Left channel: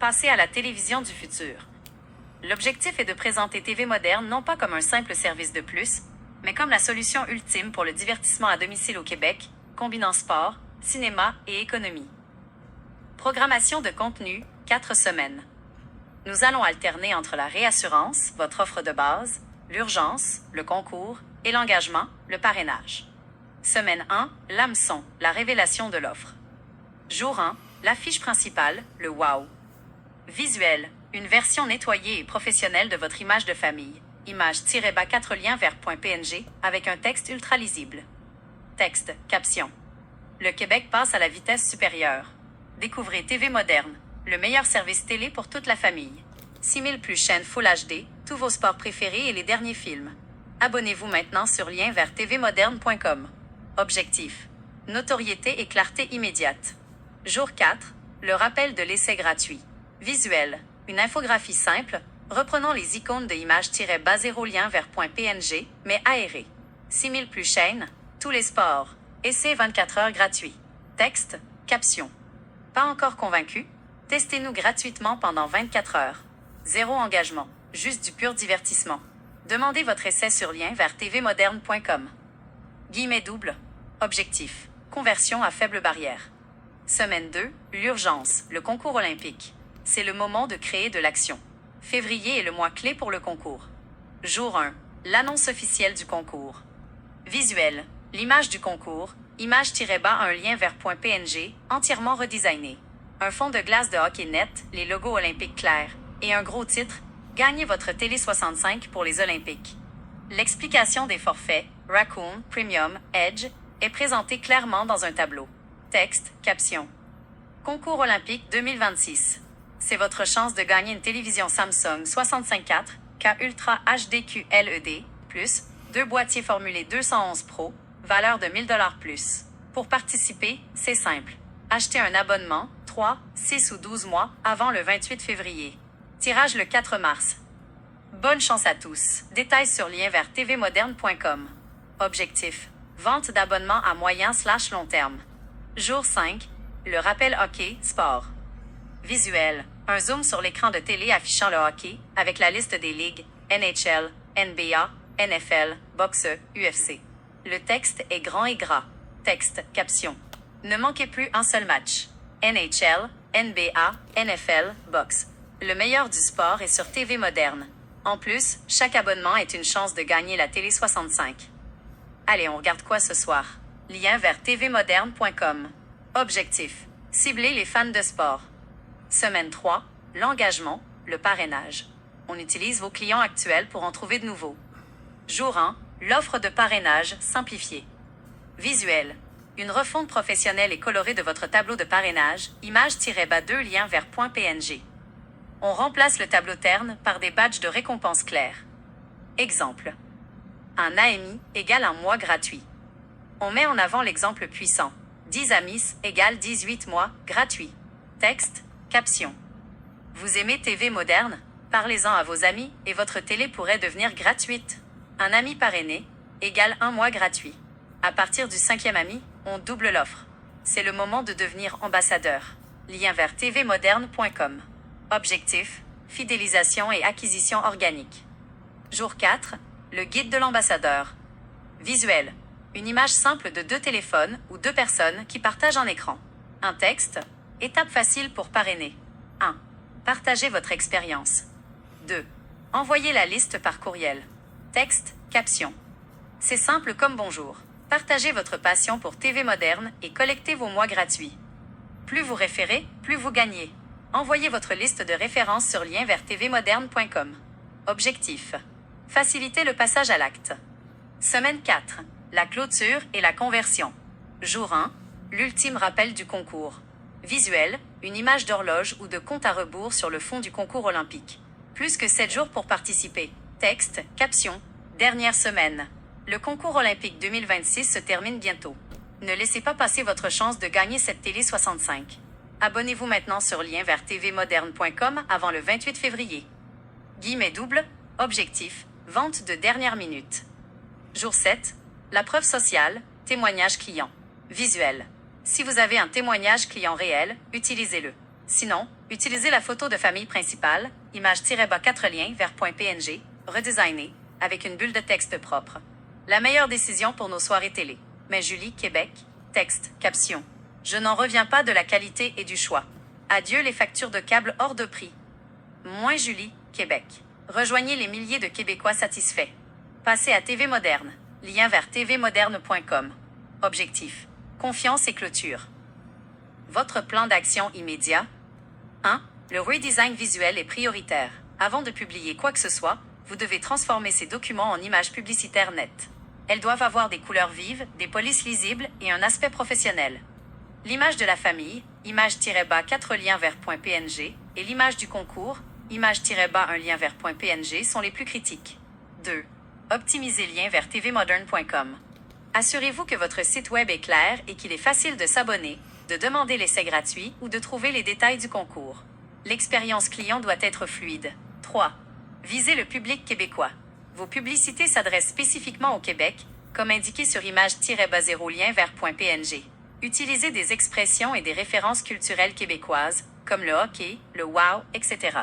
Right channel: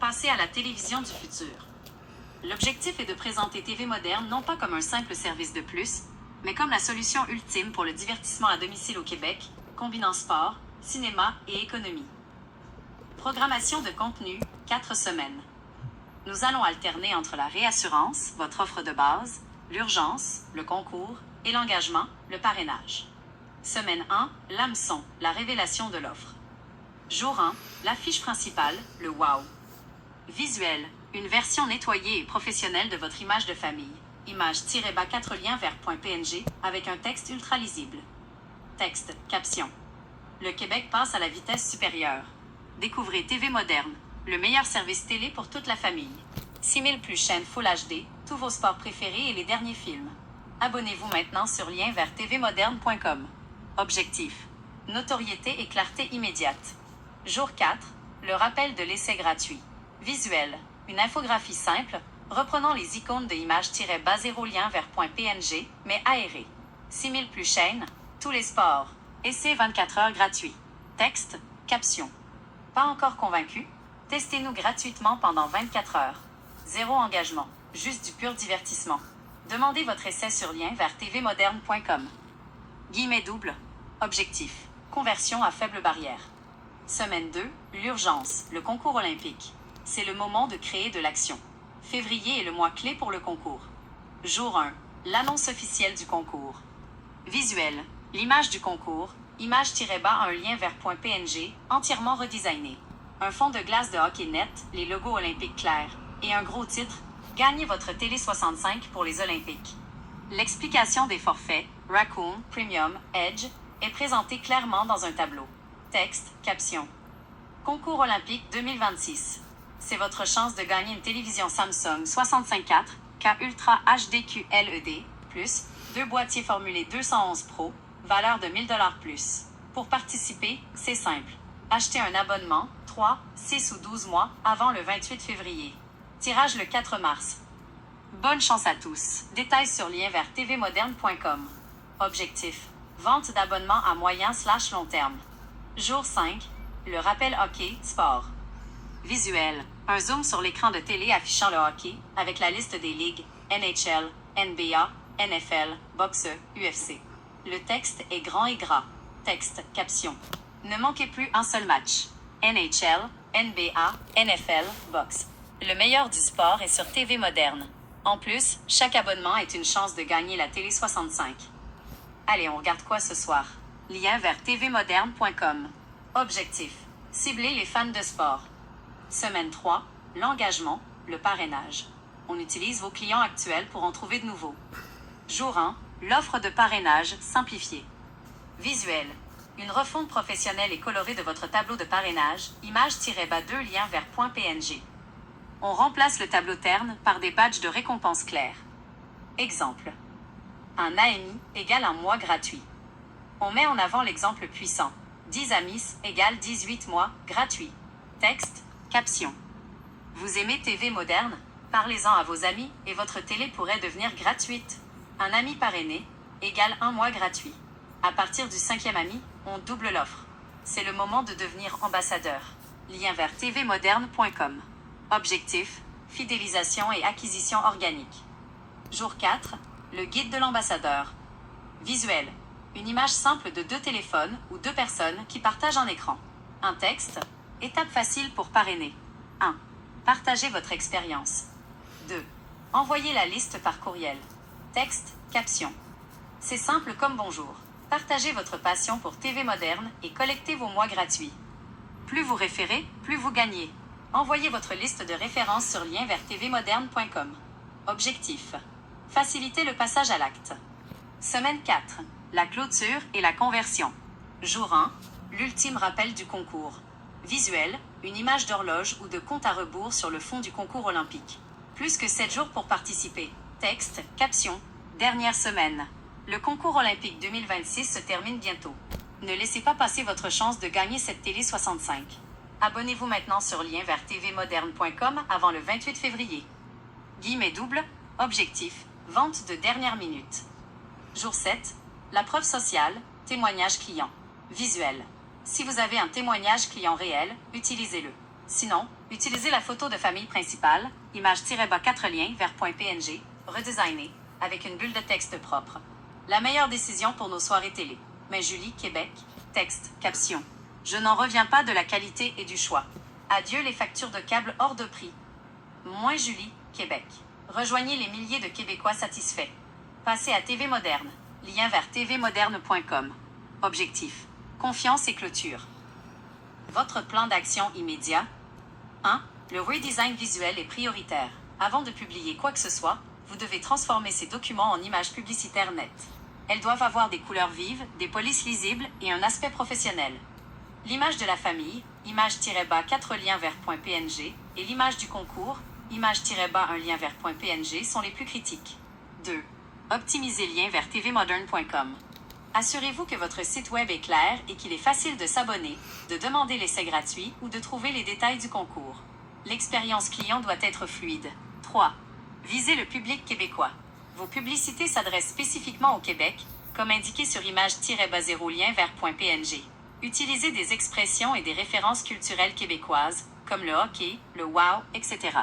Passer à la télévision du futur. L'objectif est de présenter TV Moderne non pas comme un simple service de plus, mais comme la solution ultime pour le divertissement à domicile au Québec, combinant sport, cinéma et économie. Programmation de contenu, 4 semaines. Nous allons alterner entre la réassurance, votre offre de base, l'urgence, le concours, et l'engagement, le parrainage. Semaine 1, l'hameçon, la révélation de l'offre. Jour 1, l'affiche principale, le wow. Visuel, une version nettoyée et professionnelle de votre image de famille. Image-bas 4 liens vers .png avec un texte ultra lisible. Texte, caption. Le Québec passe à la vitesse supérieure. Découvrez TV Moderne, le meilleur service télé pour toute la famille. 6000 plus chaînes Full HD, tous vos sports préférés et les derniers films. Abonnez-vous maintenant sur lien vers tvmoderne.com. Objectif. Notoriété et clarté immédiate. Jour 4. Le rappel de l'essai gratuit. Visuel. Une infographie simple, reprenant les icônes de image-bas 0 lien vers .png, mais aéré. 6000 plus chaînes, tous les sports. Essai 24 heures gratuit. Texte, caption. Pas encore convaincu? Testez-nous gratuitement pendant 24 heures. Zéro engagement, juste du pur divertissement. Demandez votre essai sur lien vers tvmoderne.com. Guillemets double. Objectif. Conversion à faible barrière. Semaine 2. L'urgence, le concours olympique. C'est le moment de créer de l'action. Février est le mois clé pour le concours. Jour 1. L'annonce officielle du concours. Visuel. L'image du concours. Image-bas un lien vers .png, entièrement redesigné. Un fond de glace de hockey net, les logos olympiques clairs. Et un gros titre. Gagnez votre télé 65 pour les Olympiques. L'explication des forfaits, Raccoon, Premium, Edge, est présentée clairement dans un tableau. Texte, caption. Concours olympique 2026. C'est votre chance de gagner une télévision Samsung 65.4 K Ultra HD QLED, plus 2 boîtiers formulés 211 Pro, valeur de 1000 $ plus. Pour participer, c'est simple. Achetez un abonnement, 3, 6 ou 12 mois, avant le 28 février. Tirage le 4 mars. Bonne chance à tous. Détails sur lien vers tvmoderne.com. Objectif. Vente d'abonnements à moyen/long terme. Jour 5. Le rappel hockey, sport. Visuel. Un zoom sur l'écran de télé affichant le hockey, avec la liste des ligues, NHL, NBA, NFL, boxe, UFC. Le texte est grand et gras. Texte, caption. Ne manquez plus un seul match. NHL, NBA, NFL, boxe. Le meilleur du sport est sur TV Moderne. En plus, chaque abonnement est une chance de gagner la télé 65. Allez, on regarde quoi ce soir? Lien vers tvmoderne.com. Objectif. Cibler les fans de sport. Semaine 3. L'engagement, le parrainage. On utilise vos clients actuels pour en trouver de nouveaux. Jour 1. L'offre de parrainage simplifiée. Visuel. Une refonte professionnelle et colorée de votre tableau de parrainage, image-bas 2 lien vers .png. On remplace le tableau terne par des badges de récompense clairs. Exemple. Un AMI égale un mois gratuit. On met en avant l'exemple puissant. 10 amis égale 18 mois gratuits. Texte, caption. Vous aimez TV Moderne? Parlez-en à vos amis et votre télé pourrait devenir gratuite. Un ami parrainé égale un mois gratuit. À partir du 5e ami, on double l'offre. C'est le moment de devenir ambassadeur. Lien vers tvmoderne.com. Objectif, fidélisation et acquisition organique. Jour 4, le guide de l'ambassadeur. Visuel, une image simple de 2 téléphones ou 2 personnes qui partagent un écran. Un texte, étape facile pour parrainer. 1. Partagez votre expérience. 2. Envoyez la liste par courriel. Texte, caption. C'est simple comme bonjour. Partagez votre passion pour TV Moderne et collectez vos mois gratuits. Plus vous référez, plus vous gagnez. Envoyez votre liste de références sur lien vers tvmoderne.com. Objectif. Faciliter le passage à l'acte. Semaine 4. La clôture et la conversion. Jour 1. L'ultime rappel du concours. Visuel, une image d'horloge ou de compte à rebours sur le fond du concours olympique. Plus que 7 jours pour participer. Texte, caption. Dernière semaine. Le concours olympique 2026 se termine bientôt. Ne laissez pas passer votre chance de gagner cette télé 65. Abonnez-vous maintenant sur lien vers tvmoderne.com avant le 28 février. Guillemets double, objectif, vente de dernière minute. Jour 7, la preuve sociale, témoignage client. Visuel. Si vous avez un témoignage client réel, utilisez-le. Sinon, Utilisez la photo de famille principale, image-bas 4 liens vers .png, redesignée, avec une bulle de texte propre. La meilleure décision pour nos soirées télé. Mais Julie, Québec, texte, caption. Je n'en reviens pas de la qualité et du choix. Adieu les factures de câble hors de prix. Moins Julie, Québec. Rejoignez les milliers de Québécois satisfaits. Passez à TV Moderne. Lien vers tvmoderne.com. Objectif. Confiance et clôture. Votre plan d'action immédiat. 1. Le redesign visuel est prioritaire. Avant de publier quoi que ce soit, vous devez transformer ces documents en images publicitaires nettes. Elles doivent avoir des couleurs vives, des polices lisibles et un aspect professionnel. L'image de la famille, image-bas 4 liens vers .png, et l'image du concours, image-bas 1 lien vers .png sont les plus critiques. 2. Optimisez lien vers tvmoderne.com. Assurez-vous que votre site web est clair et qu'il est facile de s'abonner, de demander l'essai gratuit ou de trouver les détails du concours. L'expérience client doit être fluide. 3. Visez le public québécois. Vos publicités s'adressent spécifiquement au Québec, comme indiqué sur image-bas 0 lien vers .png. Utilisez des expressions et des références culturelles québécoises, comme le hockey, le wow, etc.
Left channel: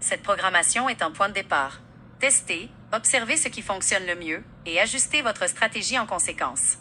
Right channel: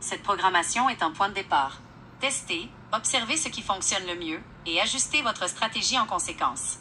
Cette programmation est un point de départ. Testez, observez ce qui fonctionne le mieux et ajustez votre stratégie en conséquence.